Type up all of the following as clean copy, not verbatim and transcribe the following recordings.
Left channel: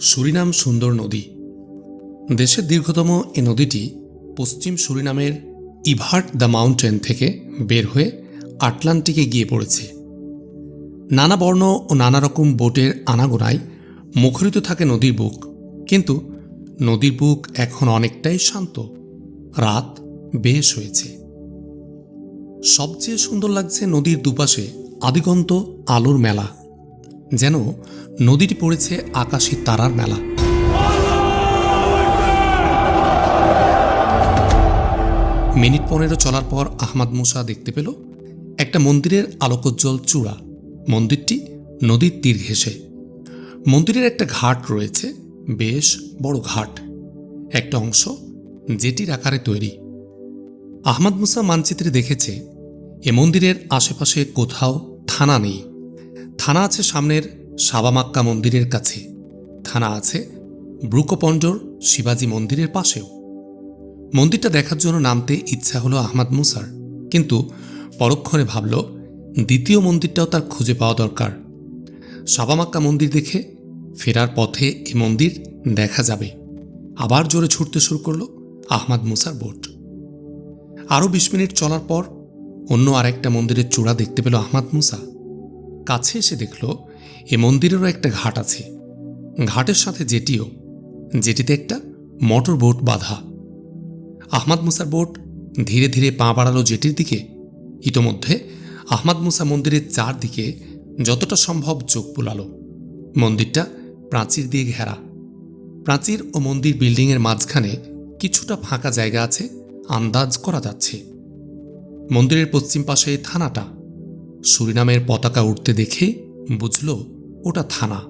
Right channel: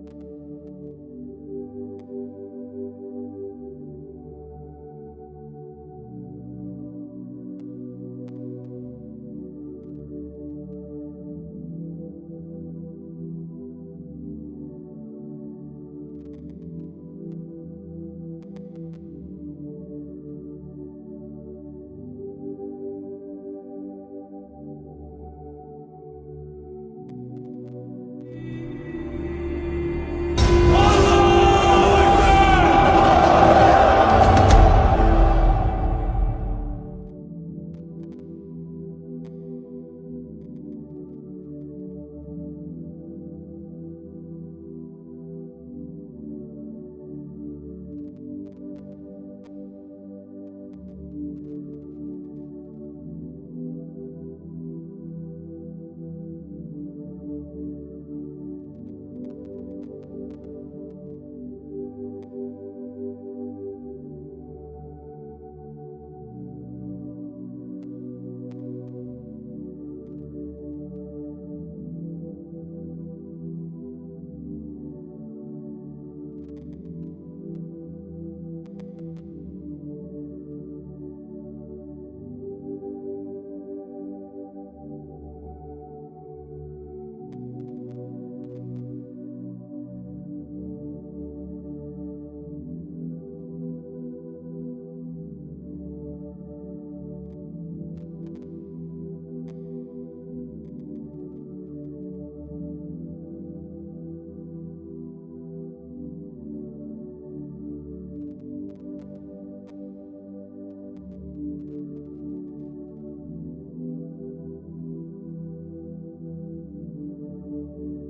Surinam সুন্দর নদী। দেশের দীর্ঘতম এ নদীটি পশ্চিম সুরিনামের ইভার্ট দ্য মাউন্টেন থেকে বের হয়ে আটলান্টিকে গিয়ে পড়েছে। নানা বর্ণ ও নানা রকম বোটের আনাগোনায় মুখরিত থাকে নদীর বুক, কিন্তু নদীর বুক এখন অনেকটাই শান্ত। রাত বেশ হয়েছে। সবচেয়ে সুন্দর লাগছে নদীর দুপাশে আদিগন্ত আলোর মেলা, যেন নদীটি পড়েছে আকাশী তারার মেলা। মিনিট 15 চলার পর আহমদ মুসা দেখতে পেল একটা মন্দিরের আলোকোজ্জ্বল চূড়া। মন্দিরটি নদীর তীর ঘেঁষে। মন্দিরের একটা ঘাট রয়েছে, বেশ বড় ঘাট। একটা অংশ জেটির আকারে তৈরি। আহমদ মুসা মানচিত্রে দেখেছে এ মন্দিরের আশেপাশে কোথাও থানা নেই। থানা আছে সামনের সাবামাক্কা মন্দিরের কাছে, থানা আছে ব্রুকোপন্ডর শিবাজি মন্দিরের পাশেও। মন্দিরটা দেখার জন্য নামতে ইচ্ছা হলো আহমদ মুসার, কিন্তু পরক্ষণে ভাবল দ্বিতীয় মন্দিরটাও তার খুঁজে পাওয়া দরকার। সাবামাক্কা মন্দির দেখে ফেরার পথে এ মন্দির দেখা যাবে। আবার জোরে ছুটতে শুরু করল আহমদ মুসার বোট। আরও 20 মিনিট চলার পর অন্য আরেকটা মন্দিরের চূড়া দেখতে পেল আহমদ মুসা। কাছে এসে দেখল এ মন্দিরেরও একটা ঘাট আছে। ঘাটের সাথে জেটিও, জেটিতে একটা মোটর বোট বাঁধা। আহমদ মুসার বোট ধীরে ধীরে পা বাড়ালো জেটির দিকে। ইতোমধ্যে আহমদ মুসা মন্দিরের চারদিকে যতটা সম্ভব চোখ বুলাল। মন্দিরটা প্রাচীর দিয়ে ঘেরা। প্রাচীর ও মন্দির বিল্ডিংয়ের মাঝখানে কিছুটা ফাঁকা জায়গা আছে, আন্দাজ করা যাচ্ছে। মন্দিরের পশ্চিম পাশে থানাটা। সুরিনামের পতাকা উঠতে দেখে বুঝল ওটা থানা।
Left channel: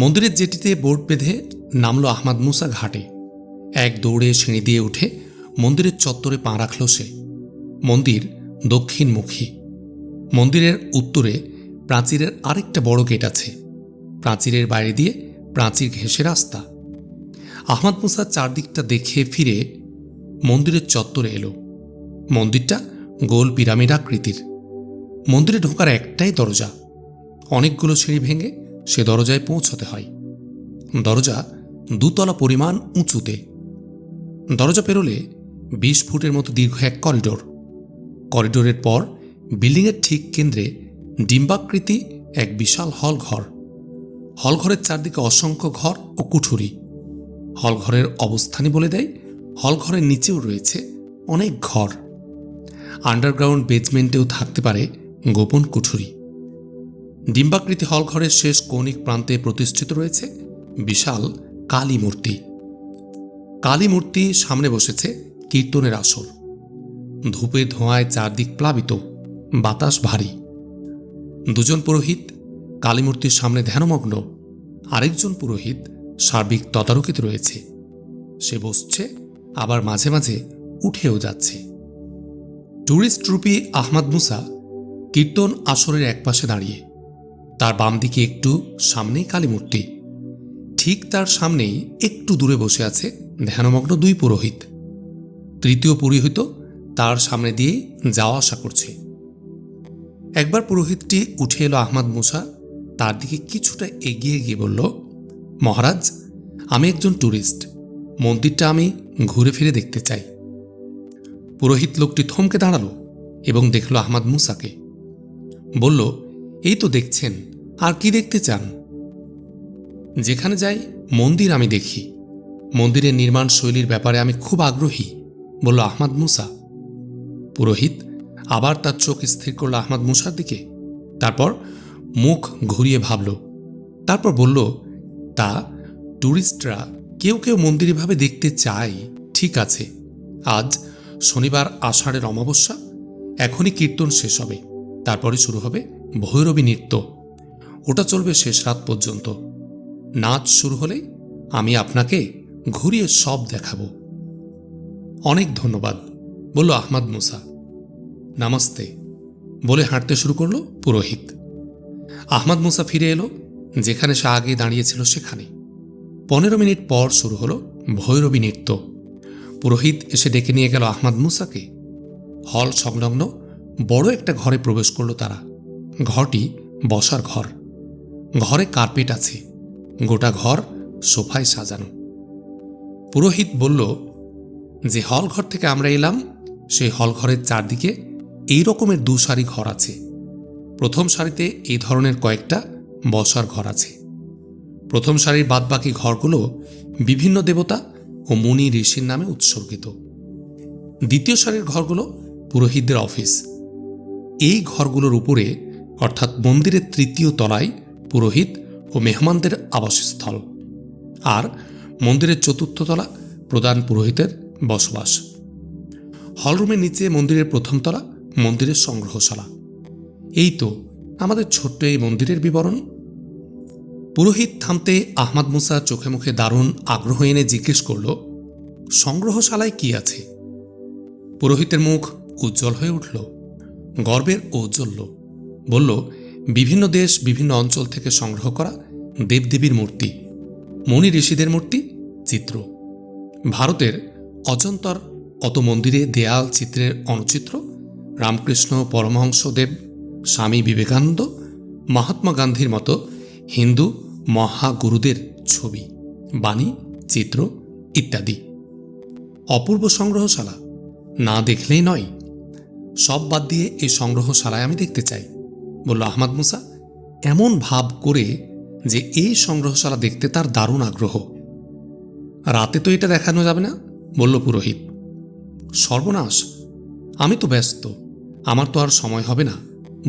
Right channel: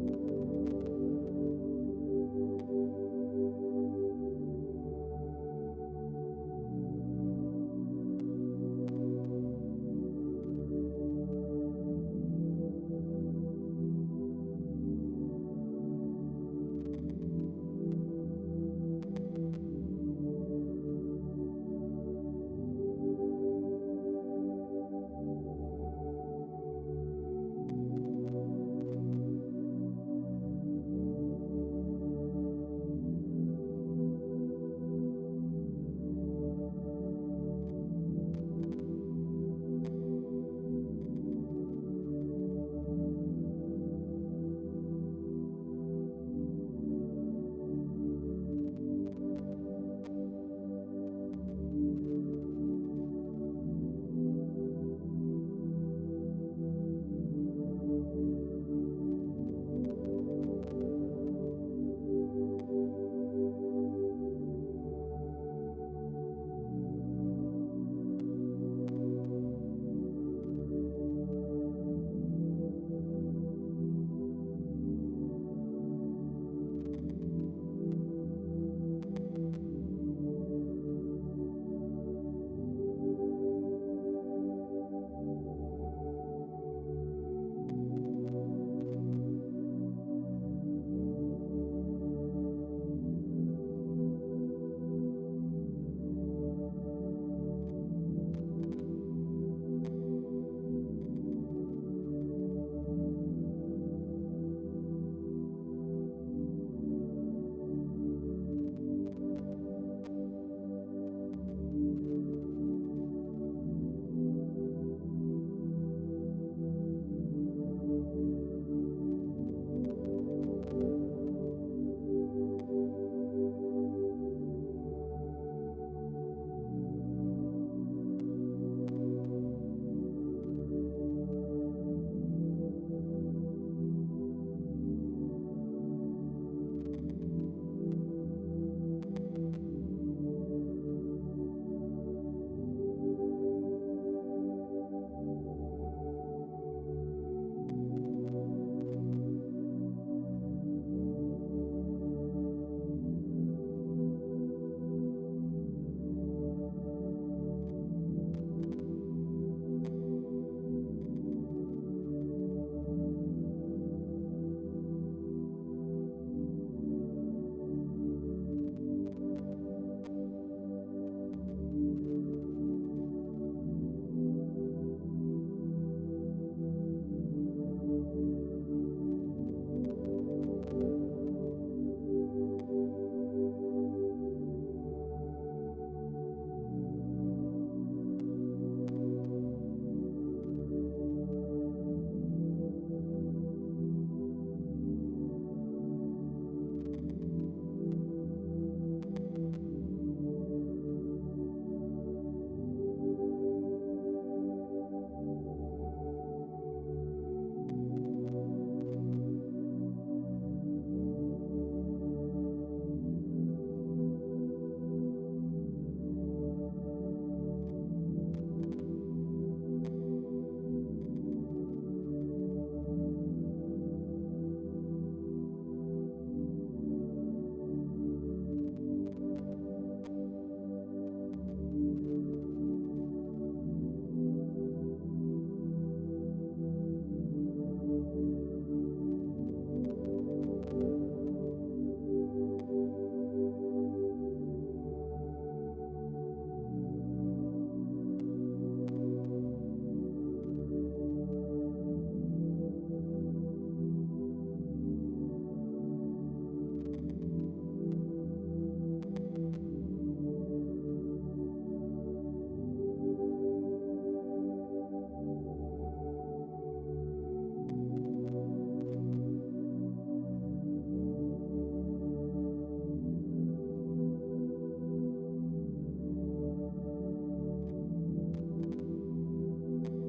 মন্দিরের জেটিতে বোট বেঁধে নামল আহমদ মুসা ঘাটে। এক দৌড়ে সিঁড়ি দিয়ে উঠে মন্দিরের চত্বরে পা রাখল সে। মন্দির দক্ষিণমুখী। মন্দিরের উত্তরে প্রাচীরের আরেকটা বড় গেট আছে। প্রাচীরের বাইরে দিয়ে প্রাচীর ঘেঁষে রাস্তা। আহমদ মুসা চারদিকটা দেখে ফিরে মন্দিরের চত্বরে এলো। মন্দিরটা গোল পিরামিড আকৃতির। মন্দিরে ঢোকার একটাই দরজা। অনেকগুলো সিঁড়ি ভেঙে সে দরজায় পৌঁছতে হয়। দরজা 2 তলা পরিমাণ উঁচুতে। দরজা পেরোলে 20 ফুটের মতো দীর্ঘ এক করিডোর। করিডোরের পর বিল্ডিংয়ের ঠিক কেন্দ্রে ডিম্বাকৃতি এক বিশাল হলঘর। হলঘরের চারদিকে অসংখ্য ঘর ও কুঠুরি। হলঘরের অবস্থানই বলে দেয় হলঘরের নিচেও রয়েছে অনেক ঘর। আন্ডারগ্রাউন্ড বেজমেন্টেও থাকতে পারে গোপন কুঠুরি। ডিম্বাকৃতি হলঘরের শেষ কৌণিক প্রান্তে প্রতিষ্ঠিত রয়েছে বিশাল কালী মূর্তি। কালী মূর্তি সামনে বসেছে কীর্তনের আসর। ধূপে ধোঁয়ায় চারদিক প্লাবিত, বাতাস ভারী। 2জন পুরোহিত কালী মূর্তির সামনে ধ্যানমগ্ন। আরেকজন পুরোহিত সার্বিক তদারকিতে রয়েছে। সে বসছে, আবার মাঝে মাঝে উঠেও যাচ্ছে। ট্যুরিস্ট রূপী আহমদ মুসা কীর্তন আসরের একপাশে দাঁড়িয়ে। তার বাম দিকে একটু সামনেই কালী মূর্তি। ঠিক তার সামনেই একটু দূরে বসে আছে ধ্যানমগ্ন 2 পুরোহিত। তৃতীয় পুরোহিত তার সামনে দিয়ে যাওয়া আসা করছে। একবার পুরোহিতটি উঠে এলো আহমদ মুসা তার দিকে কিছুটা এগিয়ে গিয়ে বলল, মহারাজ, আমি একজন ট্যুরিস্ট। মন্দিরটা আমি ঘুরে ফিরে দেখতে চাই। পুরোহিত লোকটি থমকে দাঁড়ালো এবং দেখল আহমদ মুসাকে। বলল, এই তো দেখছেন, আর কি দেখতে চান? যেখানে যাই মন্দির আমি দেখি। মন্দিরের নির্মাণ শৈলীর ব্যাপারে আমি খুব আগ্রহী, বলল আহমদ মুসা। পুরোহিত আবার তার চোখ স্থির করল আহমদ মুসার দিকে। তারপর মুখ ঘুরিয়ে ভাবল। তারপর বলল, তা ট্যুরিস্টরা কেউ কেউ মন্দির এভাবে দেখতে চায়, ঠিক আছে। আজ শনিবার আষাঢ়ের অমাবস্যা। এখনই কীর্তন শেষ হবে, তারপরে শুরু হবে ভৈরবী নৃত্য। ওটা চলবে শেষ রাত পর্যন্ত। নাচ শুরু হলে আমি আপনাকে ঘুরিয়ে সব দেখাবো। অনেক ধন্যবাদ, বলল আহমদ মুসা। নামাস্তে বলে হাঁটতে শুরু করলো পুরোহিত। আহমদ মুসা ফিরে এলো যেখানে সে আগে দাঁড়িয়েছিল সেখানে। 15 মিনিট পর শুরু হলো ভৈরবী নৃত্য। পুরোহিত এসে ডেকে নিয়ে গেল আহমদ মুসাকে। হল সংলগ্ন বড় একটা ঘরে প্রবেশ করল তারা। ঘরটি বসার ঘর। ঘরে কার্পেট আছে। গোটা ঘর সোফায় সাজানো। পুরোহিত বলল, যে হল ঘর থেকে আমরা এলাম সেই হল ঘরের চারদিকে এই রকমের 2 সারি ঘর আছে। প্রথম সারিতে এই ধরনের কয়েকটা বসার ঘর আছে। প্রথম সারির বাদবাকি ঘরগুলো বিভিন্ন দেবতা ও মুনি ঋষির নামে উৎসর্গিত। দ্বিতীয় সারির ঘরগুলো পুরোহিতদের অফিস। এই ঘরগুলোর উপরে অর্থাৎ মন্দিরের 3য় তলায় পুরোহিত ও মেহমানদের আবাসস্থল, আর মন্দিরের 4র্থ তলা প্রধান পুরোহিতের বসবাস। হলরুমের নিচে মন্দিরের 1ম তলা মন্দিরের সংগ্রহশালা। এই তো আমাদের ছোট্ট এই মন্দিরের বিবরণ। পুরোহিত থামতে আহমাদ মুসা চোখে মুখে দারুণ আগ্রহ এনে জিজ্ঞেস করল, সংগ্রহশালায় কি আছে? পুরোহিতের মুখ উজ্জ্বল হয়ে উঠল, গর্বের ঔজ্জ্বল্য। বলল, বিভিন্ন দেশ বিভিন্ন অঞ্চল থেকে সংগ্রহ করা দেবদেবীর মূর্তি, মুনি ঋষিদের মূর্তি, চিত্র। ভারতের অজন্তর অত মন্দিরে দেয়াল চিত্রের অনুচিত্র রামকৃষ্ণ পরমহংসদেব, স্বামী বিবেকানন্দ, মহাত্মা গান্ধীর মতো হিন্দু মহাগুরুদের ছবি, বাণী, চিত্র ইত্যাদি। অপূর্ব সংগ্রহশালা, না দেখলেই নয়। সব বাদ দিয়ে এই সংগ্রহশালায় আমি দেখতে চাই, বলল আহমাদ মুসা এমন ভাব করে যে এই সংগ্রহশালা দেখতে তার দারুণ আগ্রহ। রাতে তো এটা দেখানো যাবে না, বলল পুরোহিত। সর্বনাশ, আমি তো ব্যস্ত, আমার তো আর সময় হবে না,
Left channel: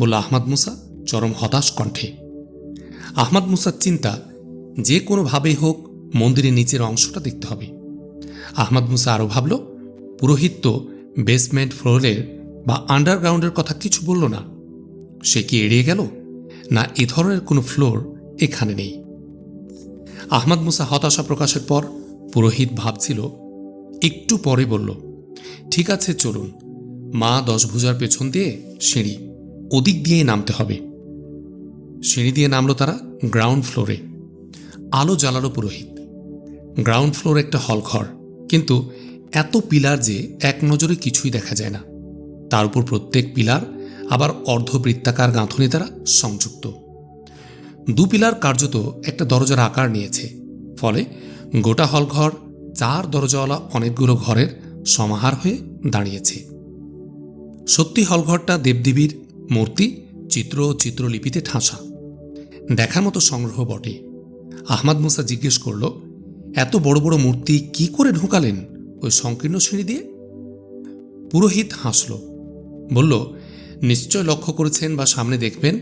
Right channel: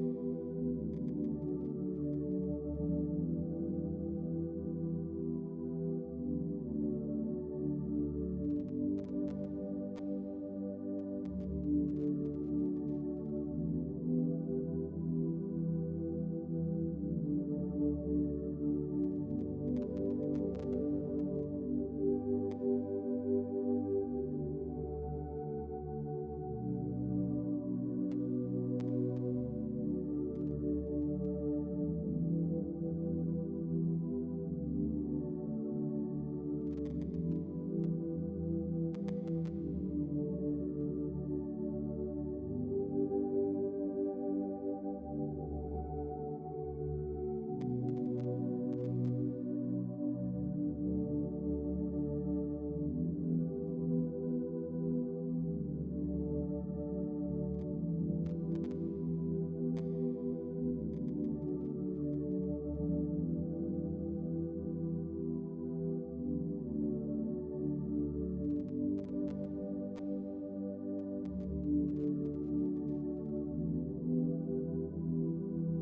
বলল আহমাদ মুসা চরম হতাশ কণ্ঠে। আহমাদ মুসার চিন্তা, যে কোনোভাবেই হোক মন্দিরের নিচের অংশটা দেখতে হবে। আহমাদ মুসা আরও ভাবল, পুরোহিত তো বেসমেন্ট ফ্লোরের বা আন্ডারগ্রাউন্ডের কথা কিছু বলল না। সে কি এড়িয়ে গেল, না এ ধরনের কোনো ফ্লোর এখানে নেই? আহমাদ মুসা হতাশা প্রকাশের পর পুরোহিত ভাবছিল, একটু পরে বলল, ঠিক আছে চলুন, মা 10 ভুজার পেছন দিয়ে সিঁড়ি, ওদিক দিয়েই নামতে হবে। সিঁড়ি দিয়ে নামলো তারা গ্রাউন্ড ফ্লোরে। আলো জ্বালালো পুরোহিত। গ্রাউন্ড ফ্লোর একটা হল ঘর, কিন্তু এত পিলার যে এক নজরে কিছুই দেখা যায় না। তার উপর প্রত্যেক পিলার আবার অর্ধবৃত্তাকার গাঁথনি দ্বারা সংযুক্ত। 2 পিলার কার্যত একটা দরজার আকার নিয়েছে, ফলে গোটা হলঘর 4 দরজাওয়ালা অনেকগুলো ঘরের সমাহার হয়ে দাঁড়িয়েছে। সত্যি হলঘরটা দেবদেবীর মূর্তি, চিত্র ও চিত্রলিপিতে ঠাসা, দেখার মতো সংগ্রহ বটে। আহমাদ মুসা জিজ্ঞেস করল, এত বড় বড় মূর্তি কি করে ঢোকালেন ওই সংকীর্ণ সিঁড়ি দিয়ে? পুরোহিত হাসল, বলল, নিশ্চয় লক্ষ্য করেছেন বা সামনে দেখবেন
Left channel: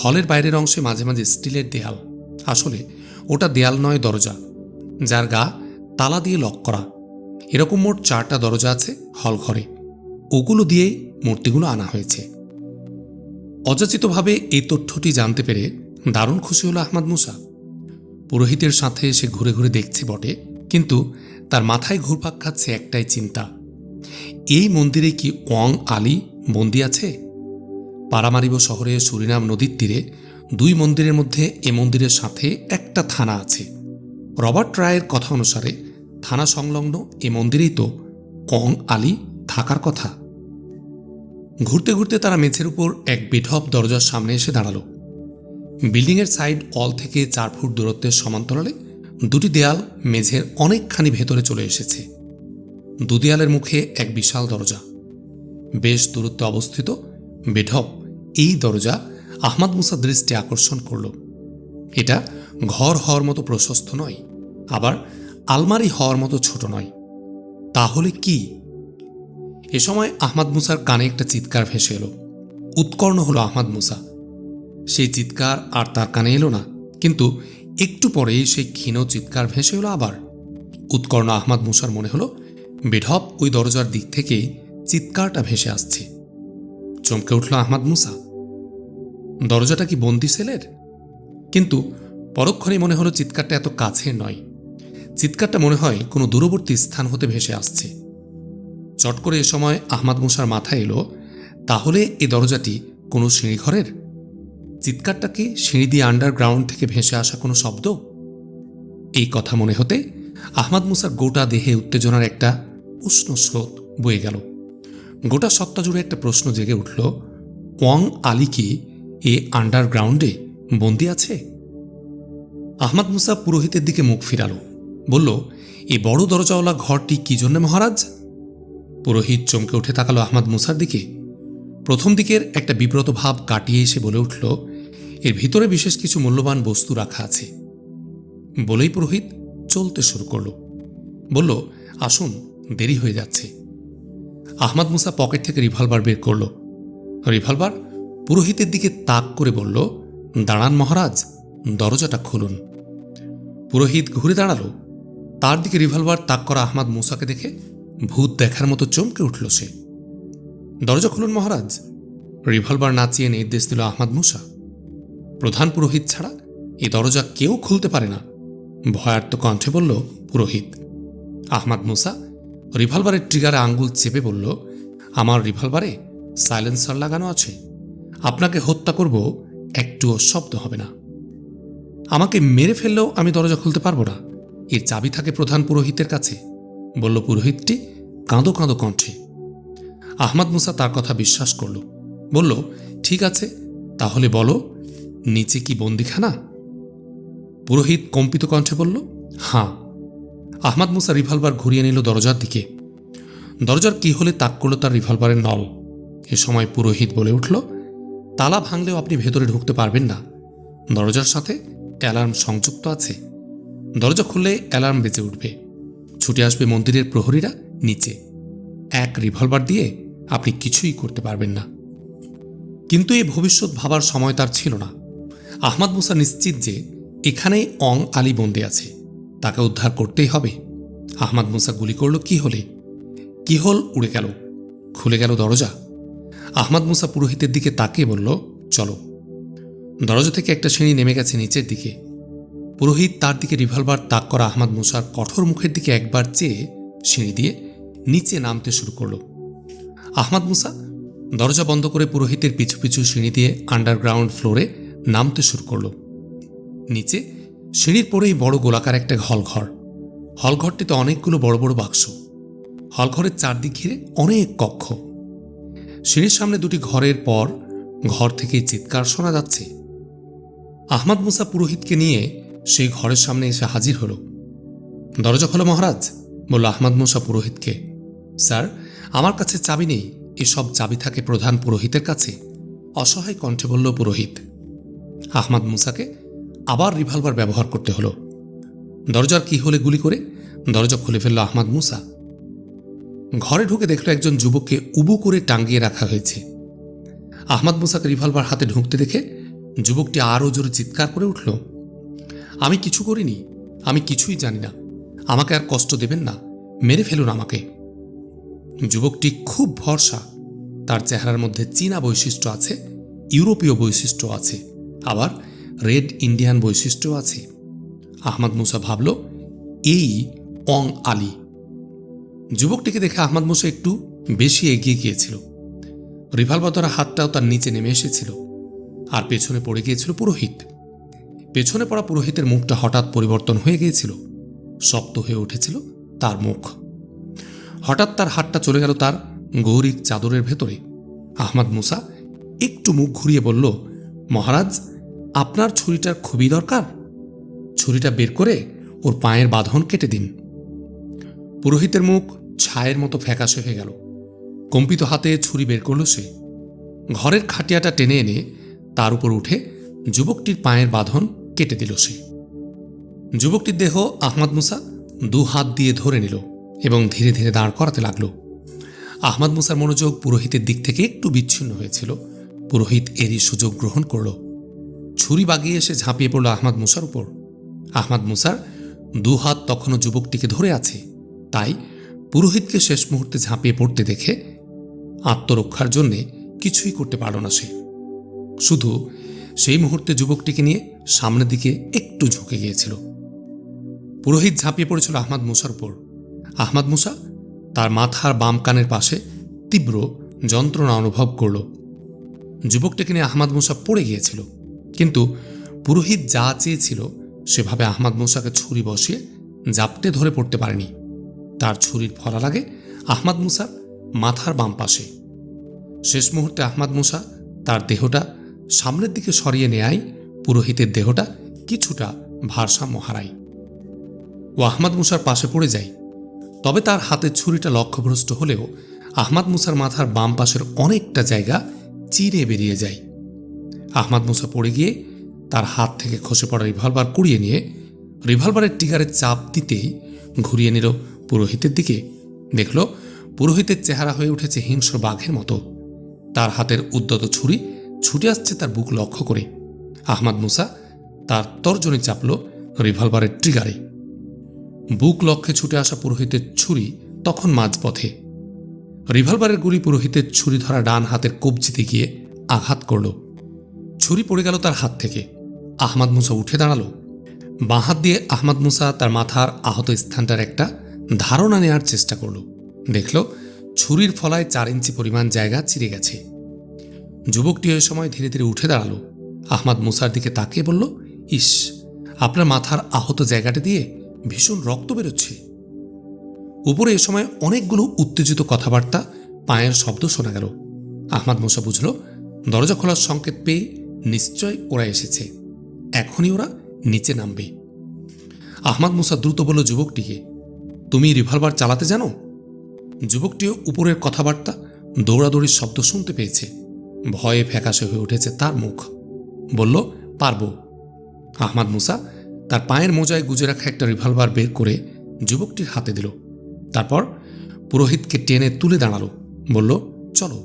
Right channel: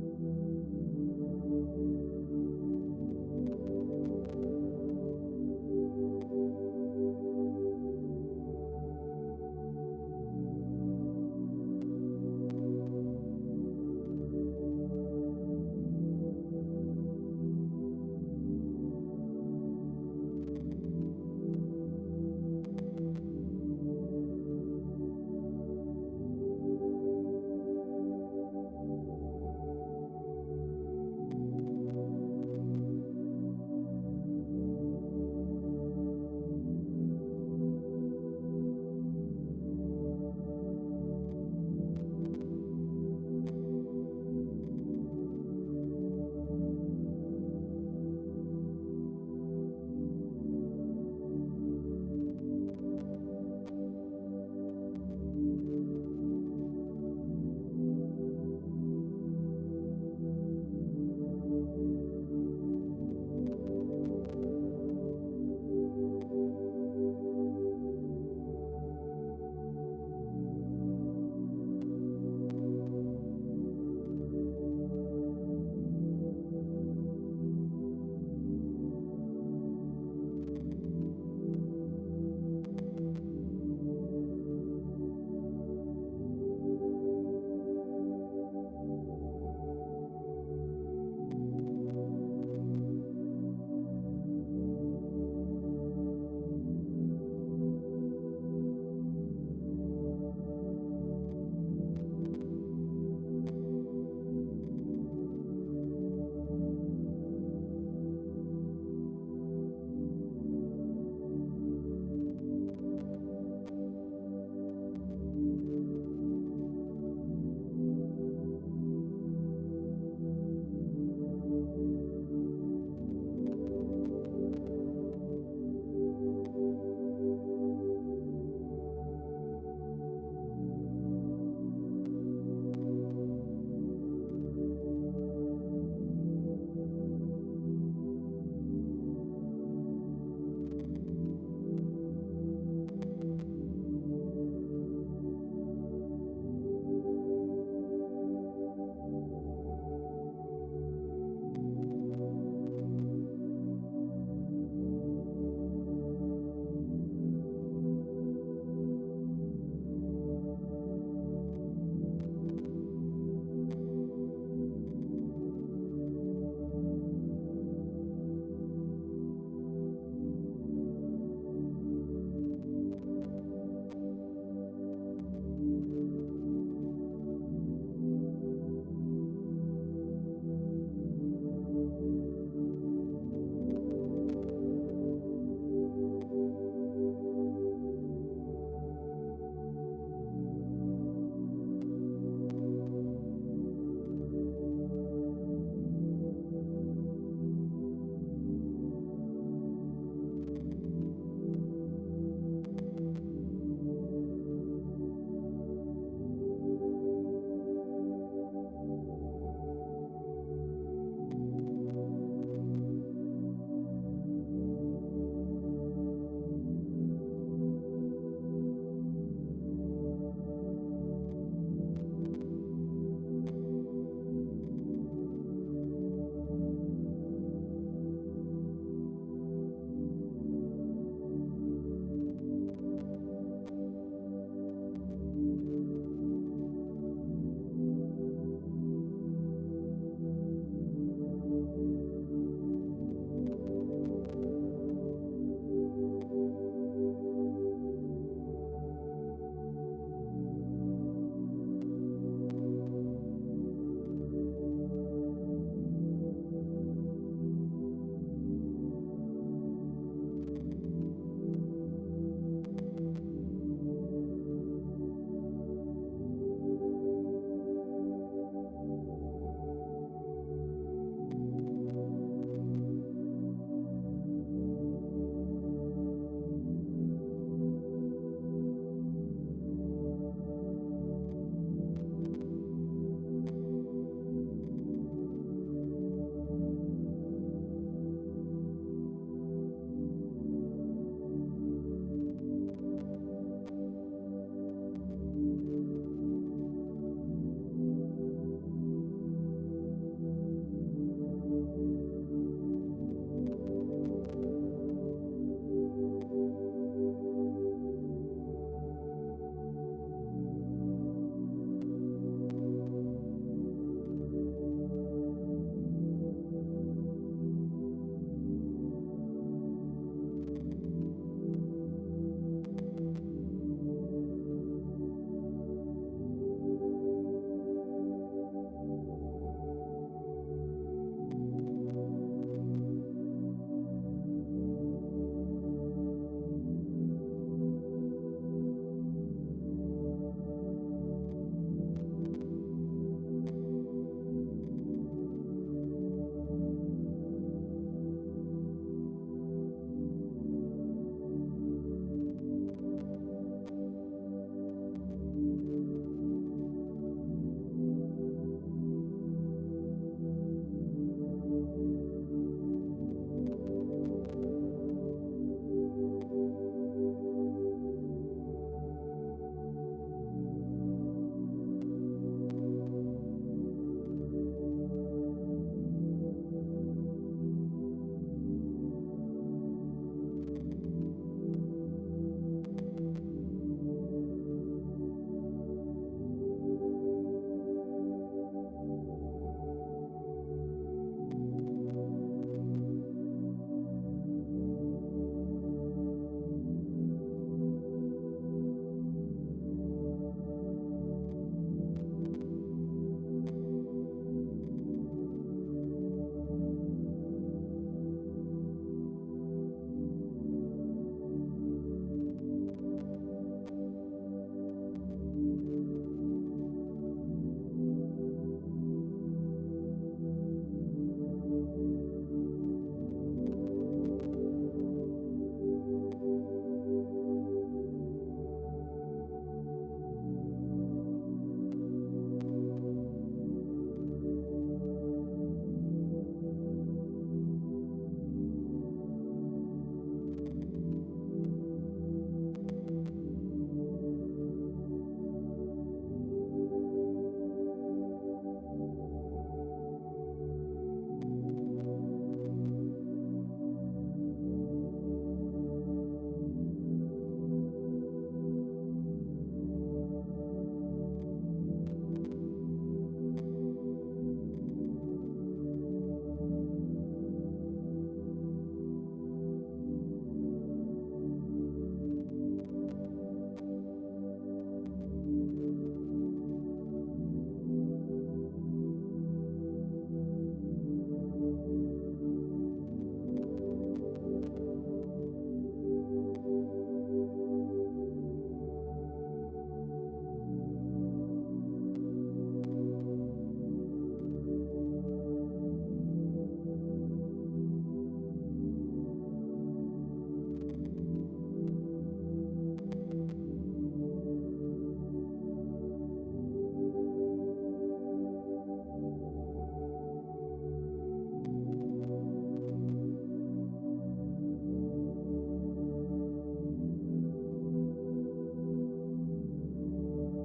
হলের বাইরের অংশে মাঝে মাঝে স্টিলের দেয়াল। আসলে ওটা দেয়াল নয়, দরজা, যার গা তালা দিয়ে লক করা। এরকম মোট 4টা দরজা আছে হল ঘরে, ওগুলো দিয়েই মূর্তিগুলো আনা হয়েছে। অযাচিতভাবে এই তথ্যটি জানতে পেরে দারুণ খুশি হল আহমাদ মুসা। পুরোহিতের সাথে সে ঘুরে ঘুরে দেখছে বটে, কিন্তু তার মাথায় ঘুরপাক খাচ্ছে একটাই চিন্তা, এই মন্দিরে কি ওয়াং আলী বন্দী আছে? পারামারিব শহরে সুরিনাম নদীর তীরে 2 মন্দিরের মধ্যে এ মন্দিরের সাথে একটা থানা আছে। রবার্ট রায়ের কথা অনুসারে থানা সংলগ্ন এ মন্দিরেই তো ওয়াং আলী থাকার কথা। ঘুরতে ঘুরতে তারা মেঝের উপর এক বেঢপ দরজার সামনে এসে দাঁড়ালো। বিল্ডিংয়ের সাইড ওয়াল থেকে 4 ফুট দূরত্বের সমান্তরালে 2টি দেয়াল মেঝের অনেকখানি ভেতরে চলে এসেছে। 2 দেয়ালের মুখে এক বিশাল দরজা। বেশ দূরত্বে অবস্থিত বেঢপ এই দরজা আহমাদ মুসার দৃষ্টি আকর্ষণ করল। এটা ঘর হওয়ার মতো প্রশস্ত নয়, আবার আলমারি হওয়ার মতো ছোট নয়। তাহলে কি? এ সময় আহমাদ মুসার কানে একটা চিৎকার ভেসে এলো। উৎকর্ণ হলো আহমাদ মুসা। সেই চিৎকার আর তার কানে এলো না, কিন্তু একটু পরেই সেই ক্ষীণ চিৎকার ভেসে এলো আবার। উৎকর্ণ আহমাদ মুসার মনে হলো বেঢপ ওই দরজার দিক থেকে চিৎকারটা ভেসে আসছে। চমকে উঠল আহমাদ মুসা। দরজাটা কি বন্দি সেলের? কিন্তু পরক্ষণেই মনে হলো চিৎকারটা এত কাছের নয়। চিৎকারটা মনে হয় কোনো দূরবর্তী স্থান হতে ভেসে আসছে। চট করে এ সময় আহমাদ মুসার মাথায় এলো, তাহলে এ দরজাটি কোনো সিঁড়িঘরের? চিৎকারটা কি সিঁড়ি দিয়ে আন্ডারগ্রাউন্ড থেকে ভেসে আসা কোনো শব্দ? এই কথা মনে হতে আহমাদ মুসার গোটা দেহে উত্তেজনার একটা উষ্ণ স্রোত বয়ে গেল। গোটা সত্তা জুড়ে একটা প্রশ্ন জেগে উঠল, ওয়াং আলী কি এ আন্ডারগ্রাউন্ডে বন্দি আছে? আহমদ মুসা পুরোহিতের দিকে মুখ ফিরালো, বলল, এই বড় দরজাওয়ালা ঘরটি কি জন্য মহারাজ? পুরোহিত চমকে উঠে তাকালো আহমদ মুসার দিকে। প্রথম দিকের একটা বিব্রত ভাব কাটিয়ে এসে বলে উঠল, এর ভিতরে বিশেষ কিছু মূল্যবান বস্তু রাখা আছে। বলেই পুরোহিত চলতে শুরু করল। বলল, আসুন, দেরি হয়ে যাচ্ছে। আহমদ মুসা পকেট থেকে রিভলভার বের করল। রিভলভার পুরোহিতের দিকে তাক করে বলল, দাঁড়ান মহারাজ, দরজাটা খুলুন। পুরোহিত ঘুরে দাঁড়ালো। তার দিকে রিভলভার তাক করা আহমদ মুসাকে দেখে ভূত দেখার মতো চমকে উঠল সে। দরজা খুলুন মহারাজ, রিভলভার নাচিয়ে নির্দেশ দিল আহমদ মুসা। প্রধান পুরোহিত ছাড়া এ দরজা কেউ খুলতে পারে না, ভয়ার্ত কণ্ঠে বলল পুরোহিত। আহমদ মুসা রিভলভারের ট্রিগারে আঙ্গুল চেপে বলল, আমার রিভলভারে সাইলেন্সার লাগানো আছে, আপনাকে হত্যা করব, একটুও শব্দ হবে না। আমাকে মেরে ফেললেও আমি দরজা খুলতে পারবো না, এর চাবি থাকে প্রধান পুরোহিতের কাছে, বলল পুরোহিতটি কাঁদো কাঁদো কণ্ঠে। আহমদ মুসা তার কথা বিশ্বাস করল। বলল, ঠিক আছে, তাহলে বলো, নিচে কি বন্দিখানা? পুরোহিত কম্পিত কণ্ঠে বলল, হাঁ। আহমদ মুসা রিভলভার ঘুরিয়ে নিল দরজার দিকে। দরজার কি হলে তাক করল তার রিভলভারের নল। এ সময় পুরোহিত বলে উঠল, তালা ভাঙলেও আপনি ভেতরে ঢুকতে পারবেন না, দরজার সাথে অ্যালার্ম সংযুক্ত আছে, দরজা খুললে অ্যালার্ম বেজে উঠবে, ছুটে আসবে মন্দিরের প্রহরীরা নিচে, এক রিভলভার দিয়ে আপনি কিছুই করতে পারবেন না। কিন্তু এই ভবিষ্যৎ ভাবার সময় তার ছিল না। আহমদ মুসা নিশ্চিত যে এখানেই অং আলী বন্দী আছে, তাকে উদ্ধার করতেই হবে। আহমদ মুসা গুলি করল কি হলে, কি হল উড়ে গেল, খুলে গেল দরজা। আহমদ মুসা পুরোহিতের দিকে তাকিয়ে বলল, চলো। দরজা থেকে একটা সিঁড়ি নেমে গেছে নিচের দিকে। পুরোহিত তার দিকে রিভলভার তাক করা আহমদ মুসার কঠোর মুখের দিকে একবার চেয়ে সিঁড়ি দিয়ে নিচে নামতে শুরু করল। আহমদ মুসা দরজা বন্ধ করে পুরোহিতের পিছু পিছু সিঁড়ি দিয়ে আন্ডারগ্রাউন্ড ফ্লোরে নামতে শুরু করল। নিচে সিঁড়ির পরেই বড় গোলাকার একটা হলঘর। হলঘরটিতে অনেকগুলো বড় বড় বাক্স। হলঘরের চারদিক ঘিরে অনেক কক্ষ। সিঁড়ির সামনে দুটি ঘরের পর ঘর থেকেই চিৎকার শোনা যাচ্ছে। আহমদ মুসা পুরোহিতকে নিয়ে সেই ঘরের সামনে এসে হাজির হল। দরজা খোলো মহারাজ, বলল আহমদ মুসা পুরোহিতকে। স্যার, আমার কাছে চাবি নেই, এসব চাবি থাকে প্রধান পুরোহিতের কাছে, অসহায় কণ্ঠে বলল পুরোহিত। আহমদ মুসাকে আবার রিভলভার ব্যবহার করতে হলো। দরজার কি হলে গুলি করে দরজা খুলে ফেলল আহমদ মুসা। ঘরে ঢুকে দেখল একজন যুবককে উবু করে টাঙ্গিয়ে রাখা হয়েছে। আহমদ মুসাকে রিভলভার হাতে ঢুকতে দেখে যুবকটি আরও জোরে চিৎকার করে উঠল, আমি কিছু করিনি, আমি কিছুই জানি না, আমাকে আর কষ্ট দেবেন না, মেরে ফেলুন আমাকে। যুবকটি খুব ভরসা, তার চেহারার মধ্যে চীনা বৈশিষ্ট্য আছে, ইউরোপীয় বৈশিষ্ট্য আছে, আবার রেড ইন্ডিয়ান বৈশিষ্ট্য আছে। আহমদ মুসা ভাবল, এই অং আলী। যুবকটিকে দেখে আহমদ মুসা একটু বেশি এগিয়ে গিয়েছিল। রিভলভার ধরা হাতটাও তার নিচে নেমে এসেছিল, আর পেছনে পড়ে গিয়েছিল পুরোহিত। পেছনে পড়া পুরোহিতের মুখটা হঠাৎ পরিবর্তন হয়ে গিয়েছিল, শক্ত হয়ে উঠেছিল তার মুখ। হঠাৎ তার হাতটা চলে গেল তার গৌরিক চাদরের ভেতরে। আহমদ মুসা একটু মুখ ঘুরিয়ে বলল, মহারাজ, আপনার ছুরিটার খুবই দরকার, ছুরিটা বের করে ওর পায়ের বাঁধন কেটে দিন। পুরোহিতের মুখ ছায়ের মতো ফ্যাকাশে হয়ে গেল। কম্পিত হাতে ছুরি বের করল সে। ঘরের খাটিয়াটা টেনে এনে তার উপর উঠে যুবকটির পায়ের বাঁধন কেটে দিল সে। যুবকটির দেহ আহমদ মুসা দু হাত দিয়ে ধরে নিল এবং ধীরে ধীরে দাঁড় করাতে লাগল। আহমদ মুসার মনোযোগ পুরোহিতের দিক থেকে একটু বিচ্ছিন্ন হয়েছিল। পুরোহিত এরই সুযোগ গ্রহণ করল। ছুরি বাগিয়ে এসে ঝাঁপিয়ে পড়ল আহমদ মুসার উপর। আহমদ মুসার দু হাত তখনও যুবকটিকে ধরে আছে, তাই পুরোহিতকে শেষ মুহূর্তে ঝাঁপিয়ে পড়তে দেখে আত্মরক্ষার জন্যে কিছুই করতে পারল না সে। শুধু সেই মুহূর্তে যুবকটিকে নিয়ে সামনের দিকে একটু ঝুঁকে গিয়েছিল। পুরোহিত ঝাঁপিয়ে পড়েছিল আহমদ মুসার উপর। আহমদ মুসা তার মাথার বাম কানের পাশে তীব্র যন্ত্রণা অনুভব করল। যুবকটিকে নিয়ে আহমদ মুসা পড়ে গিয়েছিল, কিন্তু পুরোহিত যা চেয়েছিল সেভাবে আহমদ মুসাকে ছুরি বসিয়ে জাপটে ধরে পড়তে পারেনি। তার ছুরির ফলা লাগে আহমদ মুসার মাথার বাম পাশে। শেষ মুহূর্তে আহমদ মুসা তার দেহটা সামনের দিকে সরিয়ে নেয় পুরোহিতের দেহটা কিছুটা ভারসাম্য হারায় ও আহমাদ মুসার পাশে পড়ে যায়। তবে তার হাতের ছুরিটা লক্ষ্যভ্রষ্ট হলেও আহমাদ মুসার মাথার বাম পাশের অনেকটা জায়গা চিরে বেরিয়ে যায়। আহমাদ মুসা পড়ে গিয়ে তার হাত থেকে খসে পড়া রিভলভার কুড়িয়ে নিয়ে রিভলভারের ট্রিগারে চাপ দিতেই ঘুরিয়ে নিল পুরোহিতের দিকে। দেখল পুরোহিতের চেহারা হয়ে উঠেছে হিংস্র বাঘের মতো। তার হাতের উদ্যত ছুরি ছুটে আসছে তার বুক লক্ষ্য করে। আহমাদ মুসা তার তর্জনী চাপল রিভলভারের ট্রিগারে। বুক লক্ষ্যে ছুটে আসা পুরোহিতের ছুরি তখন মাঝপথে। রিভলভারের গুলি পুরোহিতের ছুরি ধরা ডান হাতের কবজিতে গিয়ে আঘাত করল। ছুরি পড়ে গেল তার হাত থেকে। আহমাদ মুসা উঠে দাঁড়ালো। বাঁ হাত দিয়ে আহমাদ মুসা তার মাথার আহত স্থানটার একটা ধারণা নেওয়ার চেষ্টা করল। দেখল ছুরির ফলায় 4 ইঞ্চি পরিমাণ জায়গা চিরে গেছে। যুবকটি ওই সময় ধীরে ধীরে উঠে দাঁড়ালো। আহমাদ মুসার দিকে তাকিয়ে বলল, ইস, আপনার মাথার আহত জায়গাটা দিয়ে ভীষণ রক্ত বেরোচ্ছে। উপরে এ সময় অনেকগুলো উত্তেজিত কথাবার্তা, পায়ের শব্দ শোনা গেল। আহমাদ মুসা বুঝল দরজা খোলার সংকেত পেয়ে নিশ্চয় ওরা এসেছে, এখনই ওরা নিচে নামবে। আহমাদ মুসা দ্রুত বলল যুবকটিকে, তুমি রিভলভার চালাতে জানো? যুবকটিও উপরের কথাবার্তা, দৌড়াদৌড়ির শব্দ শুনতে পেয়েছে। ভয়ে ফ্যাকাশে হয়ে উঠেছে তার মুখ। বলল, পারবো। আহমাদ মুসা তার পায়ের মোজায় গুজে রাখা একটা রিভলভার বের করে যুবকটির হাতে দিল। তারপর পুরোহিতকে টেনে তুলে দাঁড়ালো। বলল, চলো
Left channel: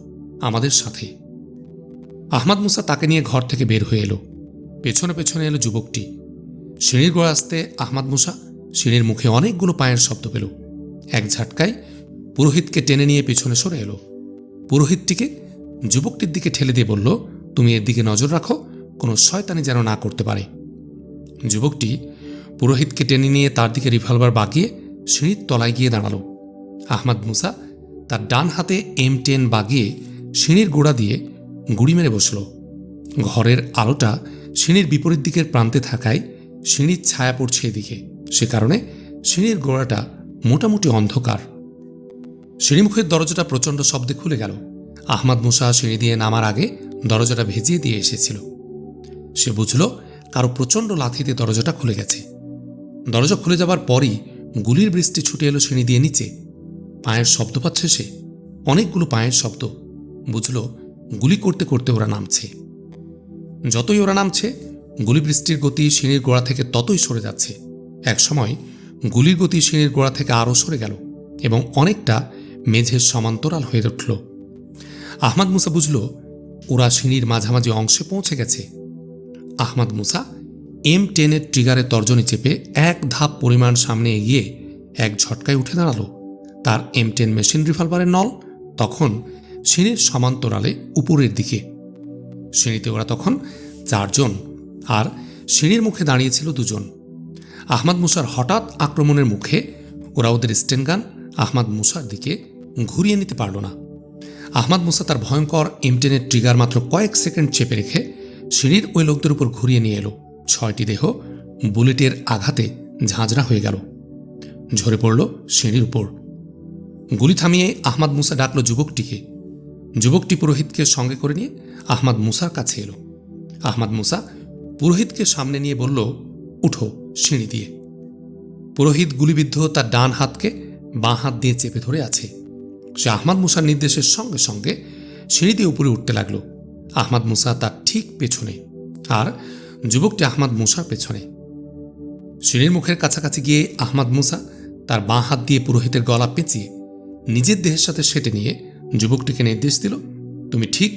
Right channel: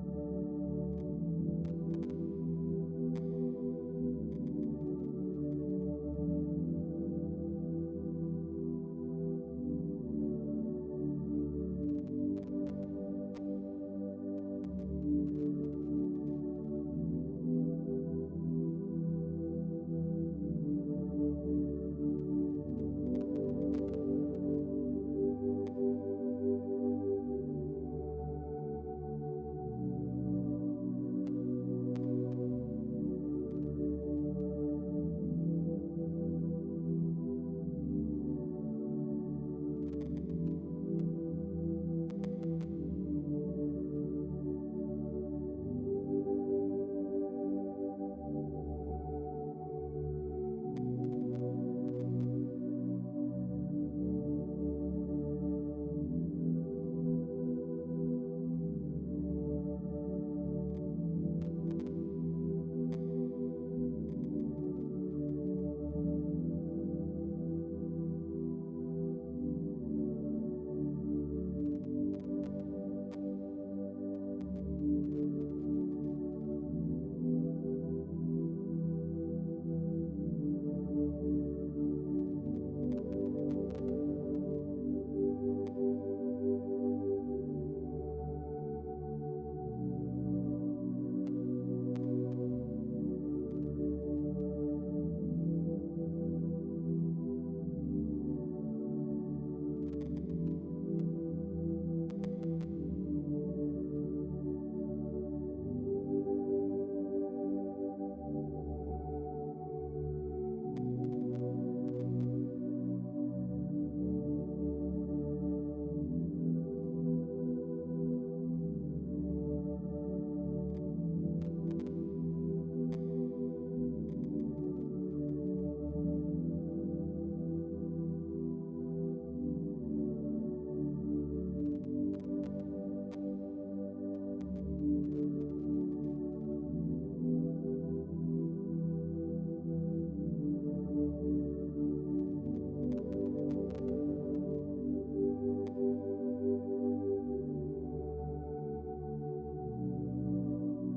আমাদের সাথে। আহমাদ মুসা তাকে নিয়ে ঘর থেকে বের হয়ে এলো। পেছনে পেছনে এলো যুবকটি। সিঁড়ির গোড়া আসতে আহমাদ মুসা সিঁড়ির মুখে অনেকগুলো পায়ের শব্দ পেল। এক ঝাটকায় পুরোহিতকে টেনে নিয়ে পেছনে সরে এলো। পুরোহিতটিকে যুবকটির দিকে ঠেলে দিয়ে বলল, তুমি এর দিকে নজর রাখো, কোনো শয়তানি যেন না করতে পারে। যুবকটি পুরোহিতকে টেনে নিয়ে তার দিকে রিভলভার বাগিয়ে সিঁড়ির তলায় গিয়ে দাঁড়ালো। আহমাদ মুসা তার ডান হাতে M10 বাগিয়ে সিঁড়ির গোড়া দিয়ে গুড়ি মেরে বসল। ঘরের আলোটা সিঁড়ির বিপরীত দিকের প্রান্তে থাকায় সিঁড়ির ছায়া পড়ছে এদিকে, সে কারণে সিঁড়ির গোড়াটা মোটামুটি অন্ধকার। সিঁড়িমুখের দরজাটা প্রচণ্ড শব্দে খুলে গেল। আহমাদ মুসা সিঁড়ি দিয়ে নামার আগে দরজাটা ভেজিয়ে দিয়ে এসেছিল। সে বুঝল কারো প্রচণ্ড লাথিতে দরজাটা খুলে গেছে। দরজা খুলে যাবার পরই গুলির বৃষ্টি ছুটে এলো সিঁড়ি দিয়ে নিচে। পায়ের শব্দ পাচ্ছে সে, অনেকগুলো পায়ের শব্দ। বুঝল গুলি করতে করতে ওরা নামছে। যতই ওরা নামছে গুলি বৃষ্টির গতি সিঁড়ির গোড়া থেকে ততই সরে যাচ্ছে। একসময় গুলির গতি সিঁড়ির গোড়া থেকে আরও সরে গেল এবং অনেকটা মেঝের সমান্তরাল হয়ে উঠল। আহমাদ মুসা বুঝল ওরা সিঁড়ির মাঝামাঝি অংশে পৌঁছে গেছে। আহমাদ মুসা M10 ট্রিগারের তর্জনী চেপে এক ধাপ পরিমাণ সামনে এগিয়ে এক ঝটকায় উঠে দাঁড়ালো। তার M10 মেশিন রিভলভারের নল তখন সিঁড়ির সমান্তরালে উপরের দিকে। সিঁড়িতে ওরা তখন 4 জন, আর সিঁড়ির মুখে দাঁড়িয়েছিল 2 জন। আহমাদ মুসার হঠাৎ আক্রমণের মুখে ওরা ওদের স্টেনগান আহমাদ মুসার দিকে ঘুরিয়ে নিতে পারল না। আহমাদ মুসা তার ভয়ঙ্কর M10 ট্রিগার মাত্র কয়েক সেকেন্ড চেপে রেখে সিঁড়ির ওই লোকদের উপর ঘুরিয়ে নিয়ে এলো। 6টি দেহ বুলেটের আঘাতে ঝাঁঝরা হয়ে গেল, ঝরে পড়ল সিঁড়ির উপর। গুলি থামিয়ে আহমাদ মুসা ডাকল যুবকটিকে। যুবকটি পুরোহিতকে সঙ্গে করে নিয়ে আহমাদ মুসার কাছে এলো। আহমাদ মুসা পুরোহিতকে সামনে নিয়ে বলল, উঠো সিঁড়ি দিয়ে। পুরোহিত গুলিবিদ্ধ তার ডান হাতকে বাঁ হাত দিয়ে চেপে ধরে আছে। সে আহমাদ মুসার নির্দেশের সঙ্গে সঙ্গে সিঁড়ি দিয়ে উপরে উঠতে লাগলো। আহমাদ মুসা তার ঠিক পেছনে, আর যুবকটি আহমাদ মুসার পেছনে। সিঁড়ির মুখের কাছাকাছি গিয়ে আহমাদ মুসা তার বাঁ হাত দিয়ে পুরোহিতের গলা পেঁচিয়ে নিজের দেহের সাথে সেটে নিয়ে যুবকটিকে নির্দেশ দিল, তুমি ঠিক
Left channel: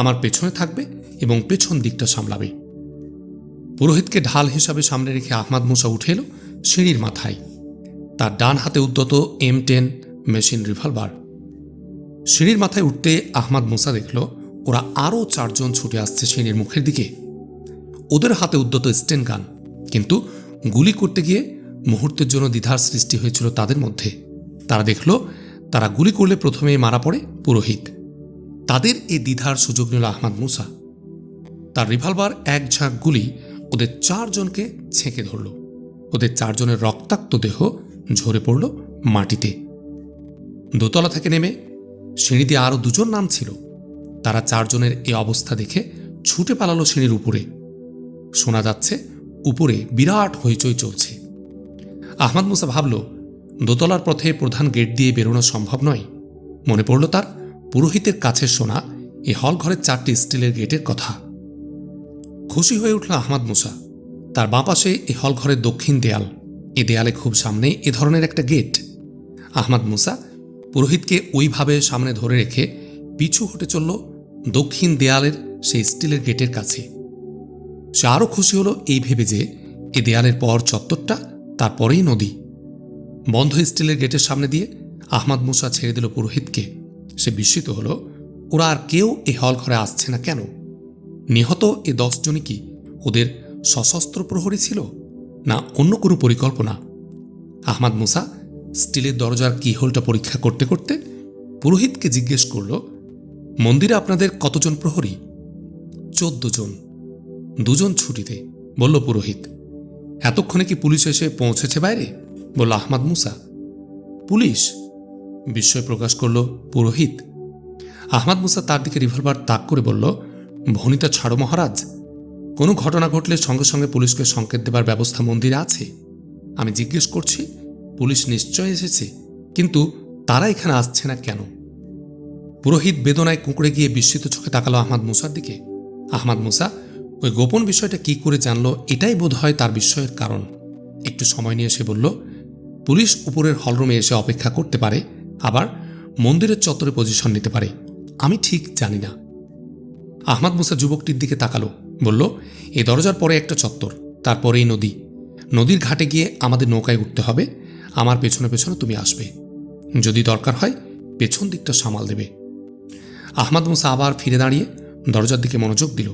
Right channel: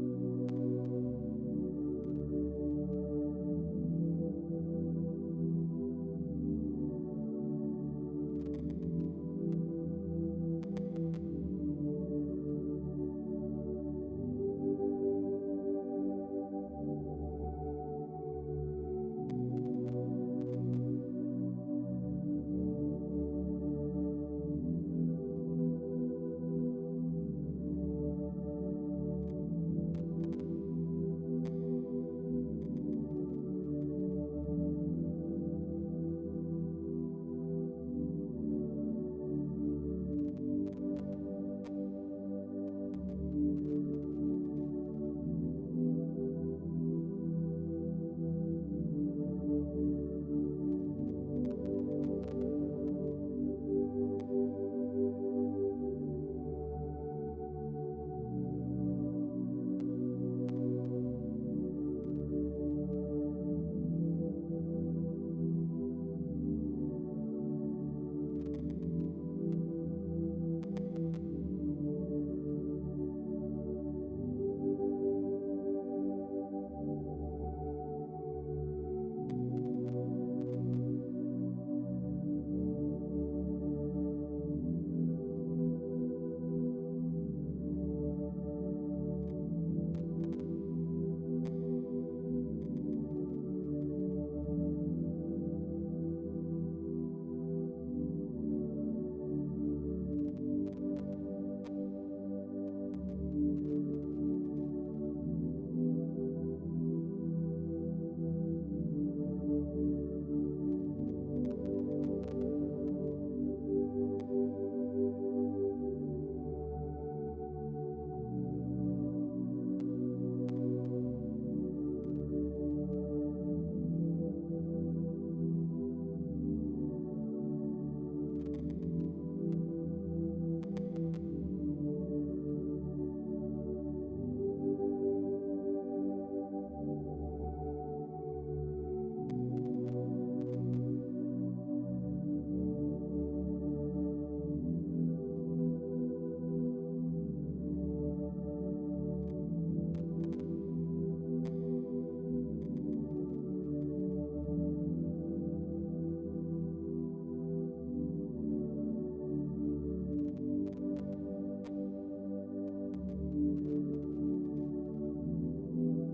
আমার পেছনে থাকবে এবং পেছন দিকটা সামলাবে। পুরোহিতকে ঢাল হিসাবে সামনে রেখে আহমাদ মুসা উঠে এলো সিঁড়ির মাথায়, তার ডান হাতে উদ্যত M10 মেশিন রিভলভার। সিঁড়ির মাথায় উঠতে আহমাদ মুসা দেখল ওরা আরও 4 জন ছুটে আসছে সিঁড়ির মুখের দিকে। ওদের হাতে উদ্যত স্টেন গান, কিন্তু গুলি করতে গিয়ে মুহূর্তের জন্য দ্বিধার সৃষ্টি হয়েছিল তাদের মধ্যে। তারা দেখল তারা গুলি করলে প্রথমেই মারা পড়ে পুরোহিত। তাদের এই দ্বিধার সুযোগ নিল আহমাদ মুসা। তার রিভলভার এক ঝাঁক গুলি ওদের 4 জনকে ছেঁকে ধরল। ওদের 4 জনের রক্তাক্ত দেহ ঝরে পড়ল মাটিতে। দোতলা থেকে নেমে সিঁড়ি দিয়ে আরও 2 জন নামছিল। তারা 4 জনের এই অবস্থা দেখে ছুটে পালালো সিঁড়ির উপরে। শোনা যাচ্ছে উপরে বিরাট হইচই চলছে। আহমাদ মুসা ভাবল, দোতলার পথে প্রধান গেট দিয়ে বেরোনো সম্ভব নয়। মনে পড়ল তার পুরোহিতের কাছে শোনা এই হল ঘরের 4টি স্টিলের গেটের কথা। খুশি হয়ে উঠল আহমাদ মুসা। তার বাঁ পাশে এই হল ঘরের দক্ষিণ দেয়াল, এ দেয়ালে খুব সামনে এ ধরনের একটা গেট। আহমাদ মুসা পুরোহিতকে ওইভাবে সামনে ধরে রেখে পিছু হটে চলল দক্ষিণ দেয়ালের সেই স্টিলের গেটের কাছে। সে আরও খুশি হলো এই ভেবে যে এ দেয়ালের পর চত্বরটা, তারপরেই নদী। বন্ধ স্টিলের গেটের সামনে দিয়ে আহমাদ মুসা ছেড়ে দিল পুরোহিতকে। সে বিস্মিত হলো, ওরা আর কেউ এ হল ঘরে আসছে না কেন? নিহত এ 10 জনই কি ওদের সশস্ত্র প্রহরী ছিল, না অন্য কোনো পরিকল্পনা? আহমাদ মুসা স্টিলের দরজার কিহোলটা পরীক্ষা করতে করতে পুরোহিতকে জিজ্ঞেস করল, মন্দিরে আপনাদের কতজন প্রহরী? 14 জন। 2 জন ছুটিতে, বলল পুরোহিত। এতক্ষণে কি পুলিশ এসে পৌঁছেছে বাইরে? বলল আহমাদ মুসা। পুলিশ? বিস্ময় প্রকাশ করল পুরোহিত। আহমাদ মুসা তার দিকে রিভলভার তাক করে বলল, ভনিতা ছাড়ো মহারাজ। কোনো ঘটনা ঘটলে সঙ্গে সঙ্গে পুলিশকে সংকেত দেবার ব্যবস্থা মন্দিরে আছে। আমি জিজ্ঞেস করছি, পুলিশ নিশ্চয় এসেছে, কিন্তু তারা এখানে আসছে না কেন? পুরোহিত বেদনায় কুঁকড়ে গিয়ে বিস্মিত চোখে তাকালো আহমাদ মুসার দিকে। আহমাদ মুসা ওই গোপন বিষয়টা কি করে জানলো, এটাই বোধ হয় তার বিস্ময়ের কারণ। একটু সময় নিয়ে সে বলল, পুলিশ উপরের হলরুমে এসে অপেক্ষা করতে পারে, আবার মন্দিরের চত্বরে পজিশন নিতে পারে, আমি ঠিক জানি না। আহমাদ মুসা যুবকটির দিকে তাকালো, বলল, এই দরজার পরে একটা চত্বর, তারপরেই নদী। নদীর ঘাটে গিয়ে আমাদের নৌকায় উঠতে হবে। আমার পেছনে পেছনে তুমি আসবে। যদি দরকার হয় পেছন দিকটা সামাল দেবে। আহমাদ মুসা আবার ফিরে দাঁড়িয়ে দরজার দিকে মনোযোগ দিল।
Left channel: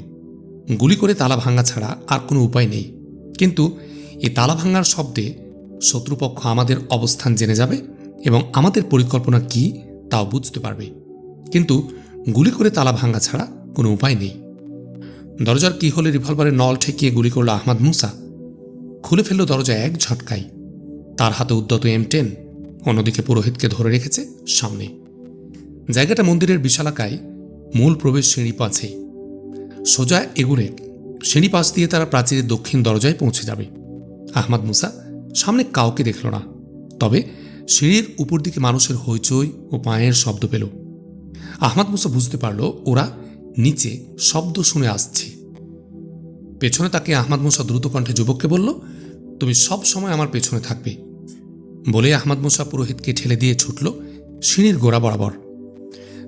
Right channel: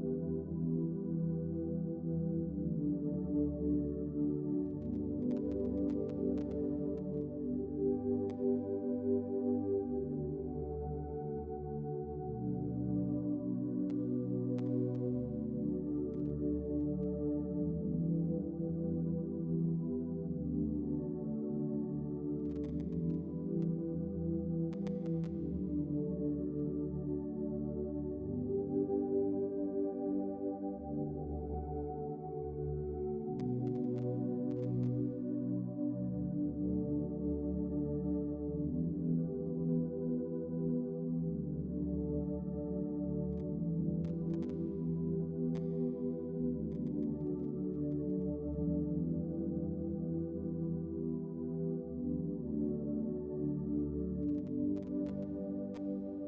গুলি করে তালা ভাঙা ছাড়া আর কোনো উপায় নেই, কিন্তু এই তালা ভাঙার শব্দে শত্রুপক্ষ আমাদের অবস্থান জেনে যাবে এবং আমাদের পরিকল্পনা কি তাও বুঝতে পারবে। কিন্তু গুলি করে তালা ভাঙা ছাড়া কোনো উপায় নেই। দরজার কি হলে রিভলভারের নল ঠেকিয়ে গুলি করল আহমাদ মুসা। খুলে ফেলল দরজা এক ঝটকায়। তার হাতে উদ্যত M10, অন্যদিকে পুরোহিতকে ধরে রেখেছে সামনে। জায়গাটা মন্দিরের বিশালাকায়, মূল প্রবেশ সিঁড়ি পাছে। সোজা এগুলে সিঁড়ি পাশ দিয়ে তারা প্রাচীরের দক্ষিণ দরজায় পৌঁছে যাবে। আহমাদ মুসা সামনে কাউকে দেখল না, তবে সিঁড়ির উপর দিকে মানুষের হইচই ও পায়ের শব্দ পেল। আহমাদ মুসা বুঝতে পারল ওরা নিচে শব্দ শুনে আসছে। পেছনে তাকে আহমাদ মুসা দ্রুত কণ্ঠে যুবককে বলল, তুমি সব সময় আমার পেছনে থাকবে। বলে আহমাদ মুসা পুরোহিতকে ঠেলে দিয়ে ছুটল সিঁড়ির গোড়া বরাবর।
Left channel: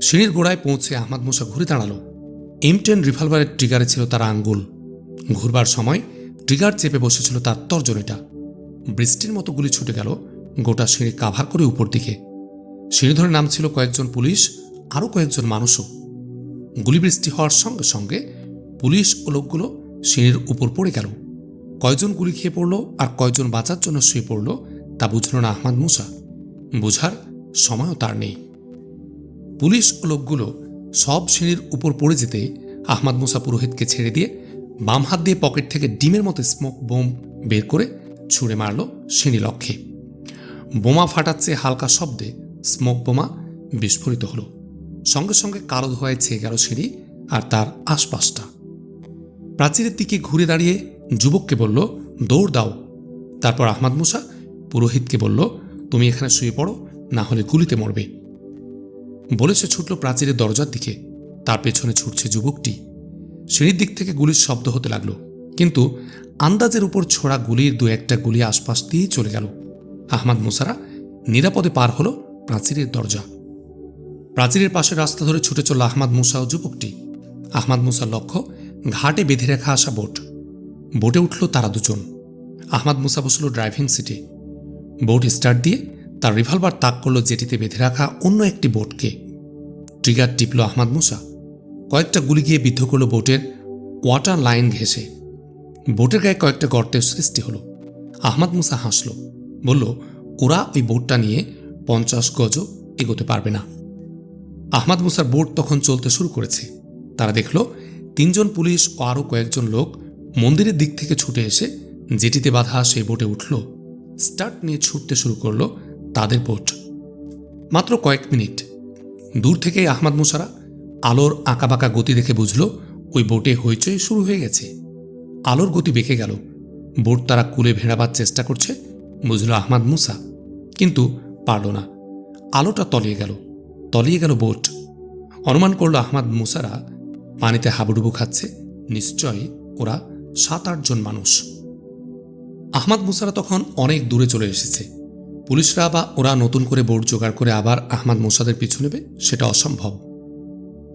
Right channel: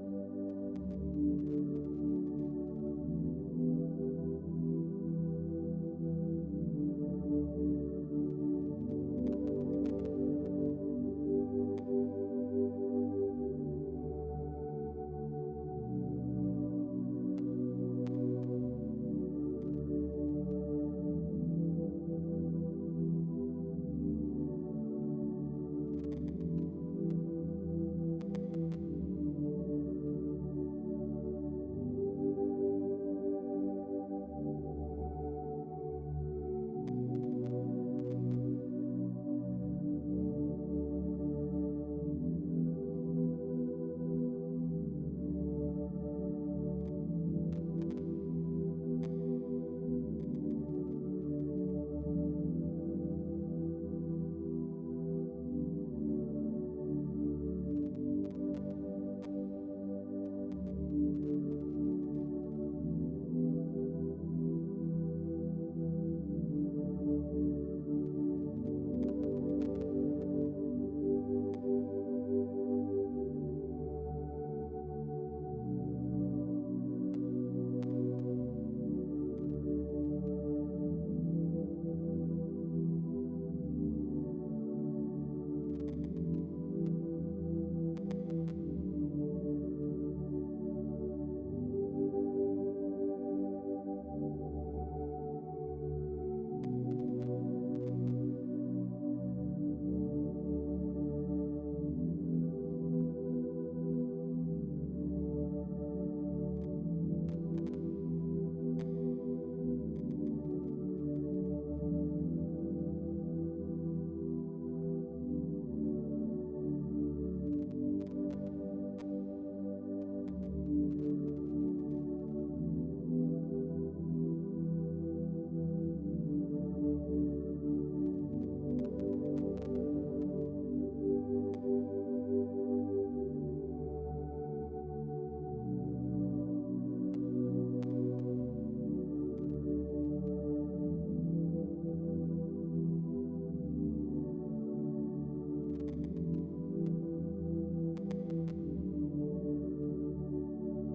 সিঁড়ির গোড়ায় পৌঁছে আহমাদ মুসা ঘুরে দাঁড়ালো। M10 রিভলভারের ট্রিগারে ছিল তার আঙ্গুল। ঘুরবার সময় ট্রিগার চেপে বসেছিল তার তর্জনীটা। বৃষ্টির মতো গুলি ছুটে গেল গোটা সিঁড়ি কাভার করে উপর দিকে। সিঁড়ি ধরে নামছিল কয়েকজন পুলিশ, আরও কয়েকজন মানুষও। গুলিবৃষ্টি হওয়ার সঙ্গে সঙ্গে পুলিশ ও লোকগুলো সিঁড়ির উপর পড়ে গেল। কয়জন গুলি খেয়ে পড়ল আর কয়জন বাঁচার জন্য শুয়ে পড়ল তা বুঝল না আহমাদ মুসা। বোঝার সময়ও তার নেই। পুলিশ ও লোকগুলো সব সিঁড়ির উপর পড়ে যেতে আহমাদ মুসা পুরোহিতকে ছেড়ে দিয়ে বাম হাত দিয়ে পকেট থেকে ডিমের মতো স্মোক বোম বের করে ছুঁড়ে মারল সিঁড়ি লক্ষ্যে। বোমা ফাটাচ্ছে হালকা শব্দে স্মোক বোমা বিস্ফোরিত হলো। সঙ্গে সঙ্গে কালো ধোঁয়ায় ছেয়ে গেল সিঁড়ি আর তার আশপাশটা। প্রাচীরের দিকে ঘুরে দাঁড়িয়ে যুবককে বলল, দৌড় দাও। তারপর আহমাদ মুসা পুরোহিতকে বলল, তুমি এখানে শুয়ে পড়ো, না হলে গুলিতে মরবে। বলে সে ছুটল প্রাচীরের দরজার দিকে। তার পেছনে ছুটছে যুবকটি। সিঁড়ির দিক থেকে গুলির শব্দ হতে লাগল, কিন্তু আন্দাজের উপর ছোড়া গুলির 2-1টা গুলি আশপাশ দিয়েই চলে গেল। আহমাদ মুসারা নিরাপদে পার হলো প্রাচীরের দরজা। প্রাচীরের পাশে রাস্তা ধরে ছুটে চলল আহমাদ মুসা ও যুবকটি। আহমাদ মুসার লক্ষ্য ঘাটে বেঁধে রাখা আসা বোট। বোটে উঠল তারা দুজন। আহমাদ মুসা বসল ড্রাইভিং সিটে। বোট স্টার্ট দিয়ে তার রিভলভার তাক করল জেটিতে বেঁধে রাখা অন্য একটি বোটকে। ট্রিগার টিপল আহমাদ মুসা। কয়েকটা গুলি গিয়ে বিদ্ধ করল বোটের ওয়াটার লাইন ঘেঁষে। বোটের গায়ে কয়েকটা গর্তের সৃষ্টি হলো। আহমাদ মুসা হাসল, বলল, ওরা ওই বোটটা নিয়ে 50 গজও এগোতে পারবে না। আহমাদ মুসার বোট তখন চলতে শুরু করেছে। তারা দেখল 3 জন পুলিশ ও আরও কয়েকজন লোক মন্দিরের দিক থেকে ছুটে এসে জেটিতে বাঁধা সেই বোটে উঠল। স্টার্ট নিয়ে ছুটতে শুরু করল তাদের বোট। মাত্র কয়েক মিনিট দূর থেকে আহমাদ মুসারা আলোর আঁকাবাঁকা গতি দেখে বুঝল ওই বোটে হইচই শুরু হয়ে গেছে। আলোর গতি বেঁকে গেল। বোট তারা কুলে ভেড়াবার চেষ্টা করছে, বুঝল আহমাদ মুসা, কিন্তু পারল না। আলোটা তলিয়ে গেল বোট। অনুমান করল আহমাদ মুসারা পানিতে হাবুডুবু খাচ্ছে, নিশ্চয়ই ওরা 7-8 জন মানুষ। আহমাদ মুসারা তখন অনেক দূরে চলে এসেছে। পুলিশরা বা ওরা নতুন করে বোট জোগাড় করে আবার আহমাদ মুসাদের পিছু নেবে, সেটা অসম্ভব।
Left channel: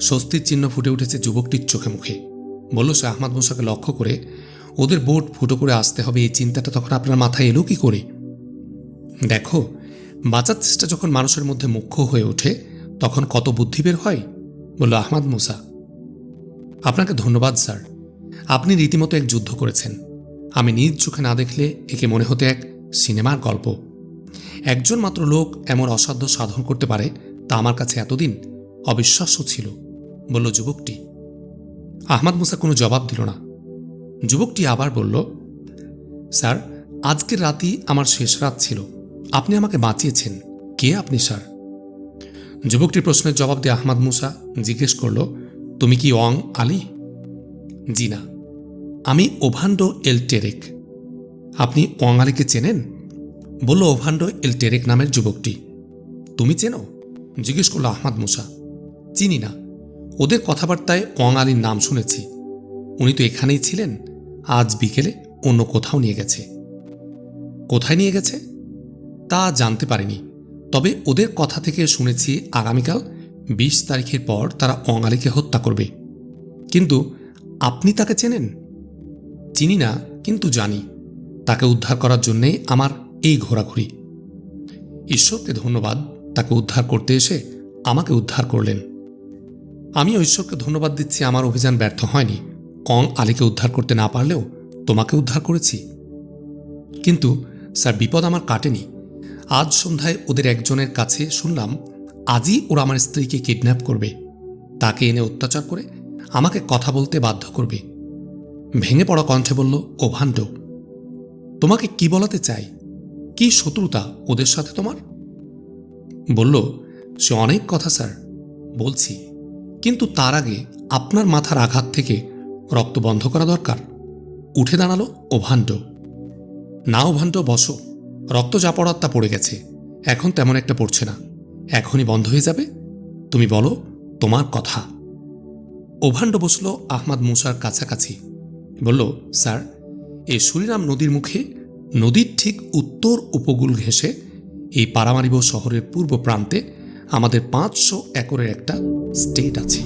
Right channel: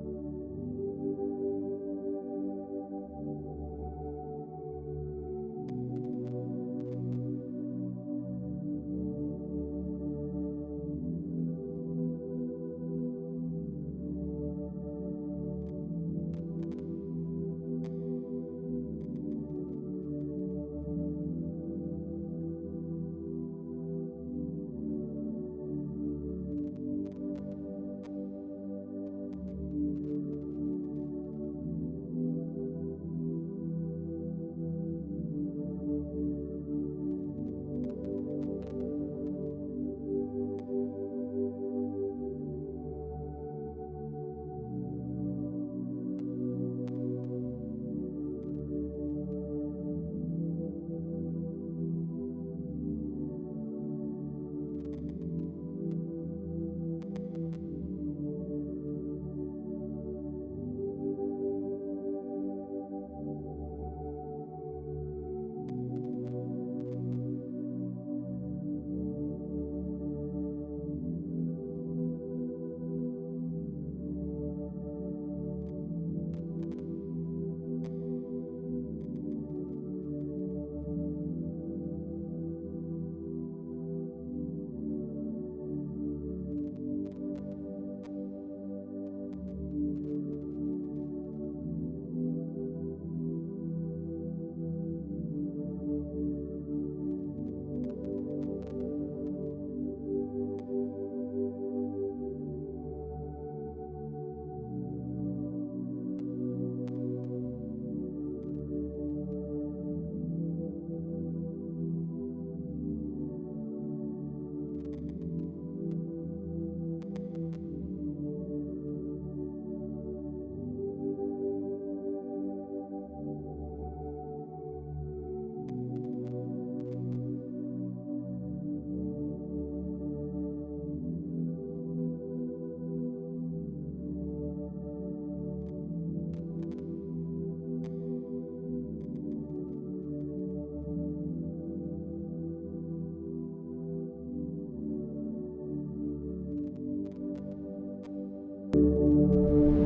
স্বস্তির চিহ্ন ফুটে উঠেছে যুবকটির চোখে মুখে। বলল সে আহমাদ মুসাকে লক্ষ্য করে, ওদের বোট ফুটো করে আসতে হবে এই চিন্তাটা তখন আপনার মাথায় এলো কি করে? দেখো, বাঁচার চেষ্টা যখন মানুষের মধ্যে মুখ্য হয়ে ওঠে তখন কত বুদ্ধি বের হয়, বলল আহমাদ মুসা। আপনাকে ধন্যবাদ স্যার, আপনি রীতিমতো এক যুদ্ধ করেছেন। আমি নিজ চোখে না দেখলে একে মনে হতে এক সিনেমার গল্প। একজন মাত্র লোক এমন অসাধ্য সাধন করতে পারে তা আমার কাছে এতদিন অবিশ্বাস্য ছিল, বলল যুবকটি। আহমাদ মুসা কোনো জবাব দিল না। যুবকটি আবার বলল, স্যার, আজকের রাতই আমার শেষ রাত ছিল। আপনি আমাকে বাঁচিয়েছেন। কে আপনি স্যার? যুবকটির প্রশ্নের জবাব দিয়ে আহমাদ মুসা জিজ্ঞেস করল, তুমি কি ওয়াং আলী? জি না, আমি ওভান্ডো এল টেরেক। আপনি ওয়াং আলীকে চেনেন? বলল ওভান্ডো এল টেরেক নামের যুবকটি। তুমি চেনো? জিজ্ঞেস করল আহমাদ মুসা। চিনি না, ওদের কথাবার্তায় ওয়াং আলীর নাম শুনেছি। উনি তো এখানেই ছিলেন, আজ বিকেলে অন্য কোথাও নিয়ে গেছে। কোথায় নিয়ে গেছে তা জানতে পারিনি, তবে ওদের কথা থেকে শুনেছি আগামীকাল 20 তারিখের পর তারা ওয়াং আলীকে হত্যা করবে। কিন্তু আপনি তাকে চেনেন? চিনি না, কিন্তু জানি তাকে উদ্ধার করার জন্যেই আমার এই ঘোরাঘুরি। ঈশ্বরকে ধন্যবাদ, তাকে উদ্ধার করতে এসে আমাকে উদ্ধার করলেন। আমিও ঈশ্বরকে ধন্যবাদ দিচ্ছি, আমার অভিযান ব্যর্থ হয়নি। ওয়াং আলীকে উদ্ধার করতে না পারলেও তোমাকে উদ্ধার করেছি। কিন্তু স্যার, বিপদ আমার কাটেনি। আজ সন্ধ্যায় ওদের একজনের কাছে শুনলাম আজই ওরা আমার স্ত্রীকে কিডন্যাপ করবে, তাকে এনে অত্যাচার করে আমাকে কথা বলতে বাধ্য করবে। ভেঙে পড়া কণ্ঠে বলল ওভান্ডো, তোমাকে কি বলাতে চাই? কি শত্রুতা ওদের সাথে তোমার? বলল, সে অনেক কথা স্যার, বলছি, কিন্তু তার আগে আপনার মাথার আঘাত থেকে রক্ত বন্ধ করা দরকার। উঠে দাঁড়ালো ওভান্ডো। না ওভান্ডো, বসো। রক্ত যা পড়ার তা পড়ে গেছে, এখন তেমন একটা পড়ছে না, এখনই বন্ধ হয়ে যাবে। তুমি বলো তোমার কথা। ওভান্ডো বসল আহমাদ মুসার কাছাকাছি। বলল, স্যার, এ সুরিনাম নদীর মুখে, নদীর ঠিক উত্তর উপকূল ঘেঁষে এই পারামারিবো শহরের পূর্ব প্রান্তে আমাদের 500 একরের একটা স্টেট আছে।